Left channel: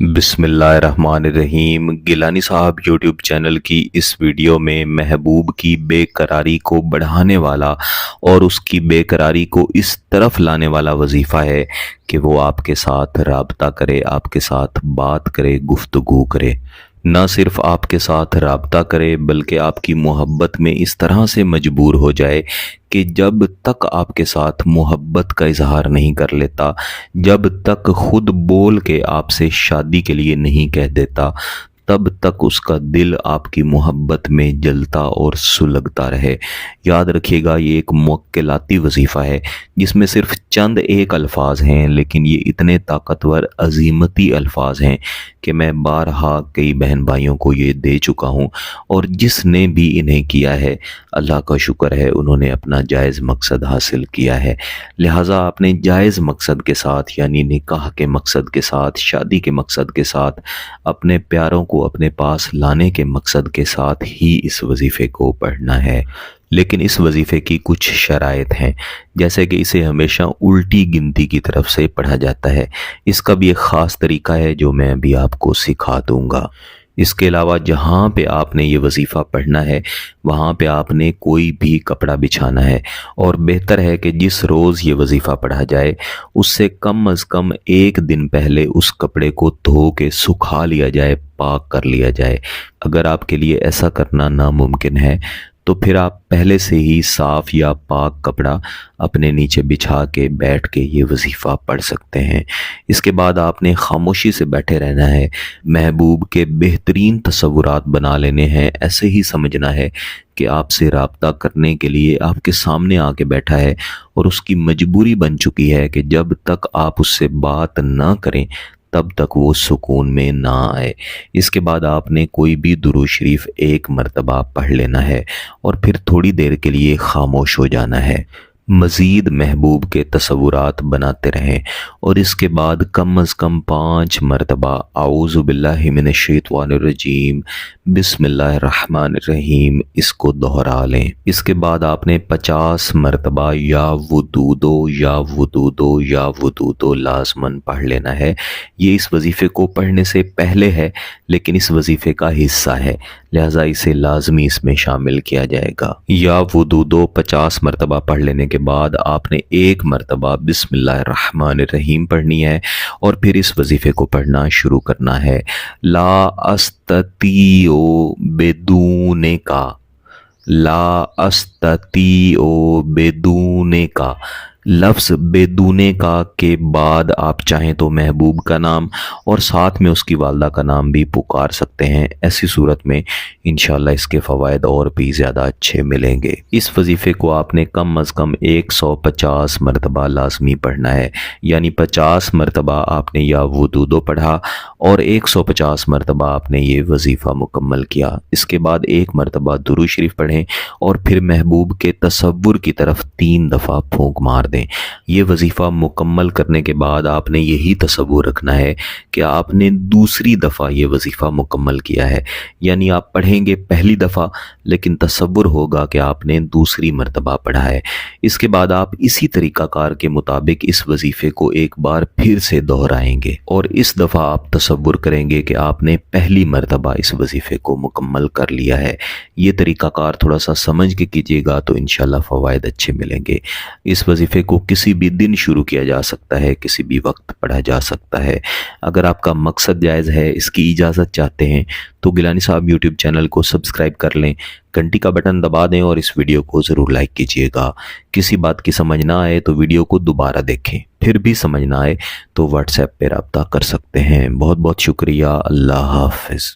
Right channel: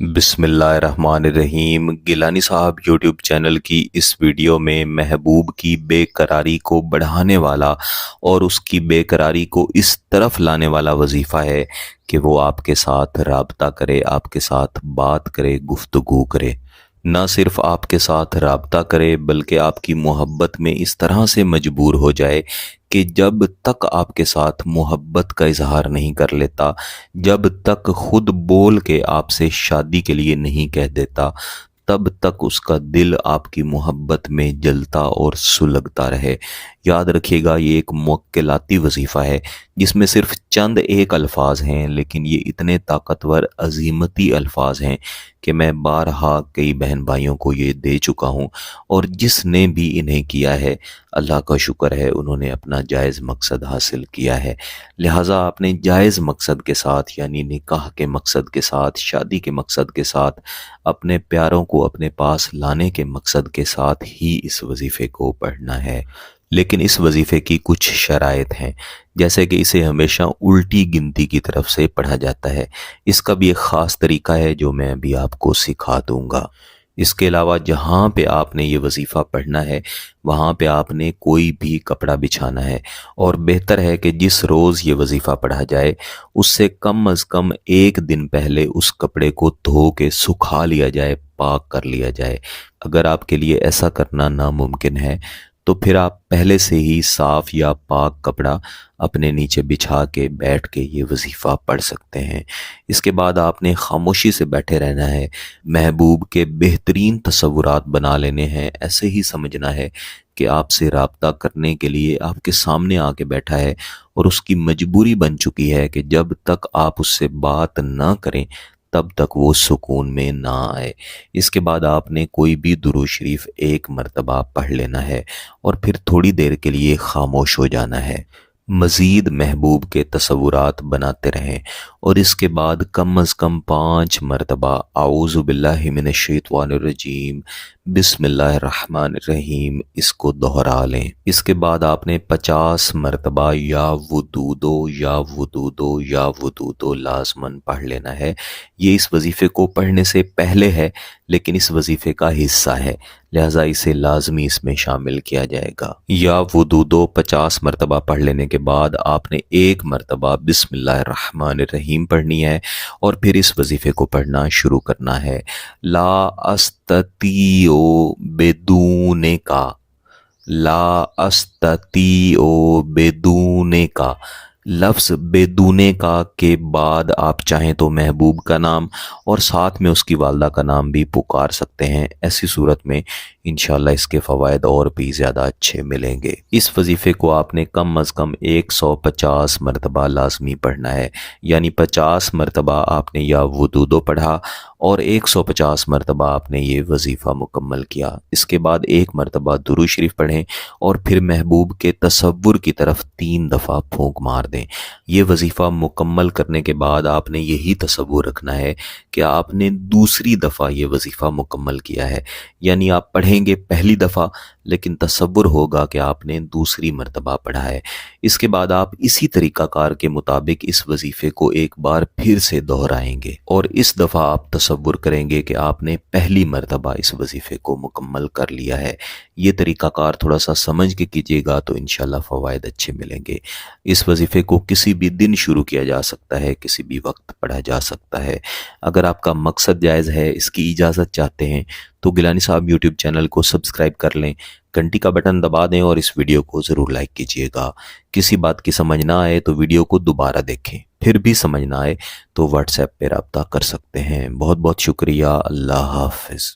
बिस्मिल्लाहिर्रहमानिर्रहीम। गिलानी साहब YouTube channel की इस वीडियो में महबूब की बेकरारी को बढ़ाने वाला और उसकी बेकरारी को इस तरफ लाने वाला वजीफ़ा है कि वो आपके साथ राब्ता करे, आपके साथ बात करे, गुफ्तगू करे। न सिर्फ आपके साथ राब्ता करे बल्कि आपकी मोहब्बत में इस तरह से मजबूर हो जाए कि जब तक आपके साथ मोहब्बत का इजहार नहीं कर लेता, जब तक खुद बोल के आपसे शादी के लिए नहीं कह देता, तब तक उसका दिल आपकी मोहब्बत में जलता और सुलगता रहे। याद रखिएगा, ये एक मुक्किलाती वजीफ़ा है जिसमें सिर्फ चंद एक अल्फाज हैं, लेकिन ये इतने ताकतवर अजीमती अल्फाज हैं कि मैं बारहा कई बहन भाइयों को ये दे चुका हूँ, और जिसने भी इन्हें किया है अल्लाह का शुक्र है, उन्होंने अपना जायज़ मकसद हासिल किया है। लिहाजा आपने जायज़ मकसद के साथ, यानी निकाह के मकसद के साथ, शादी के मकसद के साथ, अपने प्यारों को अपने पास लाने के मकसद के साथ ही इस वजीफ़े को पढ़ना है। लेकिन इस वजीफ़े की कुछ शराइत हैं, जैसे कि इसे हमेशा उल्टी गिनती की तरफ से पढ़ा जाता है। इसका भी एक ख़ास तरीका है जो मैं अभी आपको सिखा दूंगा। इसके अलावा जहाँ पे आपने ये वजीफ़ा पढ़ना है वहाँ पे आपने कोई भी कपड़ा बिछाना है, और बेहतर है कि जिस रोज़ ये वजीफ़ा पढ़ा जाए उससे कम अज़ कम एक दिन पहले उस कपड़े को धो के सुखा लिया जाए, पाक कर लिया जाए। अगर आपके लिए ऐसा करना नामुमकिन है तो फिर आप पहले से ही साफ़ या पाक कपड़ा अपने नीचे बिछा के बैठ के ये वजीफ़ा पढ़ सकते हैं। इसके बाद आपने खामोशी से बैठे रहना है, महबूब के बेहतरीन तसव्वुरात बना लेने हैं। ऐसे ही समझना है कि आपसे राब्ता करने के लिए आपके सामने आके बैठा है और उसकी मजबूरी बन चुकी है कि जब तक आप उससे बात ना करें तब तक वो सुकून में ना आए। इसके बाद आपने कोई भी दुरूद शरीफ एक मर्तबा पढ़ लेना है और फिर थोड़ी देर के लिए खामोश हो जाना है। मज़ीद महबूब के तसव्वुरात बनाते रहें और इसके बाद कम अज़ कम 5 मरतबा आऊज़ु बिल्लाहि मिनश शैतानिर रजीम बिस्मिल्लाहिर्रहमानिर्रहीम इसको दोहरा लें। इसके बाद आपने 50 मरतबा या वुदूदो या वुदूदो या वुदूदो लाज़मन पढ़ लेना है। ये इस वजीफ़े को पढ़ने से पहले है, लेकिन इस वजीफ़े का हिस्सा है, लिहाजा इसे लाजमी इसमें शामिल किया जाएगा। या वुदूदो 50 मरतबा पढ़ लेने के बाद आपने एक मरतबा बिस्मिल्लाहिर्रहमानिर्रहीम पढ़नी है और फिर इस वजीफ़े को पढ़ना शुरू करना है। ला अस्ततीओ बेदूने का, ला अस्ततीओ बेदूने का, लफ्ज़ बेदूने का के बाद आप चाहें तो महबूब का नाम और साथ में उसकी वालदा का नाम भी पुकार सकते हैं। ऐसी सूरत में इंशाल्लाह इसके फ़वाइद और भी ज़्यादा अच्छे मिलेंगे। इस वजीफ़े को आपने कम अज़ कम 150 मरतबा लाजमी पढ़ना है, यानी 50 मरतबा आपने या वुदूदो पढ़ा और 150 मरतबा आपने ये वजीफ़ा मुकम्मल किया। इसके बाद एक मरतबा दुरूद शरीफ पढ़ें और फिर महबूब के तसव्वुर की तरफ 3 दफ़ा फूंक मार दें। ये वजीफ़ा मुकम्मल करने के बाद आपने यही तसव्वुर रखना है कि आपने दूसरी दफ़ा ये वजीफ़ा मुकम्मल किया है, यानी आप पढ़ेंगे पहली दफ़ा लेकिन तसव्वुर होगा कि आपने दूसरी मरतबा पढ़ा है। इसके बाद आप इसी तरीक़ाकार के मुताबिक इस वजीफ़े को एक बार फिर से दोहराएंगे और इस दफ़ा आप तसव्वुर करेंगे कि आपने पहली मरतबा इस वजीफ़े को मुकम्मल कर लिया है। ये तरीक़ाकार थोड़ा सा समझ के कीजिएगा तो इंशाल्लाह फ़वाइद अच्छे मिलेंगे। इस वजीफ़े को किसी भी दिन शुरू किया जा सकता है, किसी भी वक्त पढ़ा जा सकता है। अगर आपका मकसद जायज़ है, इसकी इजाज़त चाहते हैं तो गिलानी साहब यूट्यूब चैनल को सब्सक्राइब कर लें, घंटी का बटन दबा दें और इस वीडियो को ज़रूर लाइक कीजिएगा। किसी बात की समझ ना आए तो वीडियो को दोबारा देखें, फिर भी समझ ना आए तो व्हाट्सएप पे रब्ता कर सकते हैं। बहुत बहुत शुक्रिया। अल्लाह हाफ़िज़।